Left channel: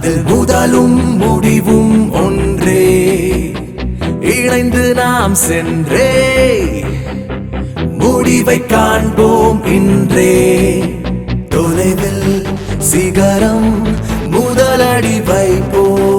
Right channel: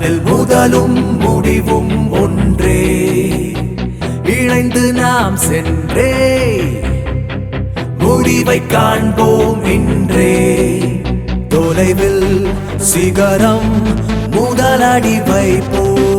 அதில் முதலும் முடிவும் ஒன்றே, இணைந்து நாம் சென்றே முடிவை காண்போம் இன்றே. தொலைவில் சிகரம் முதலடி வைப்போம்.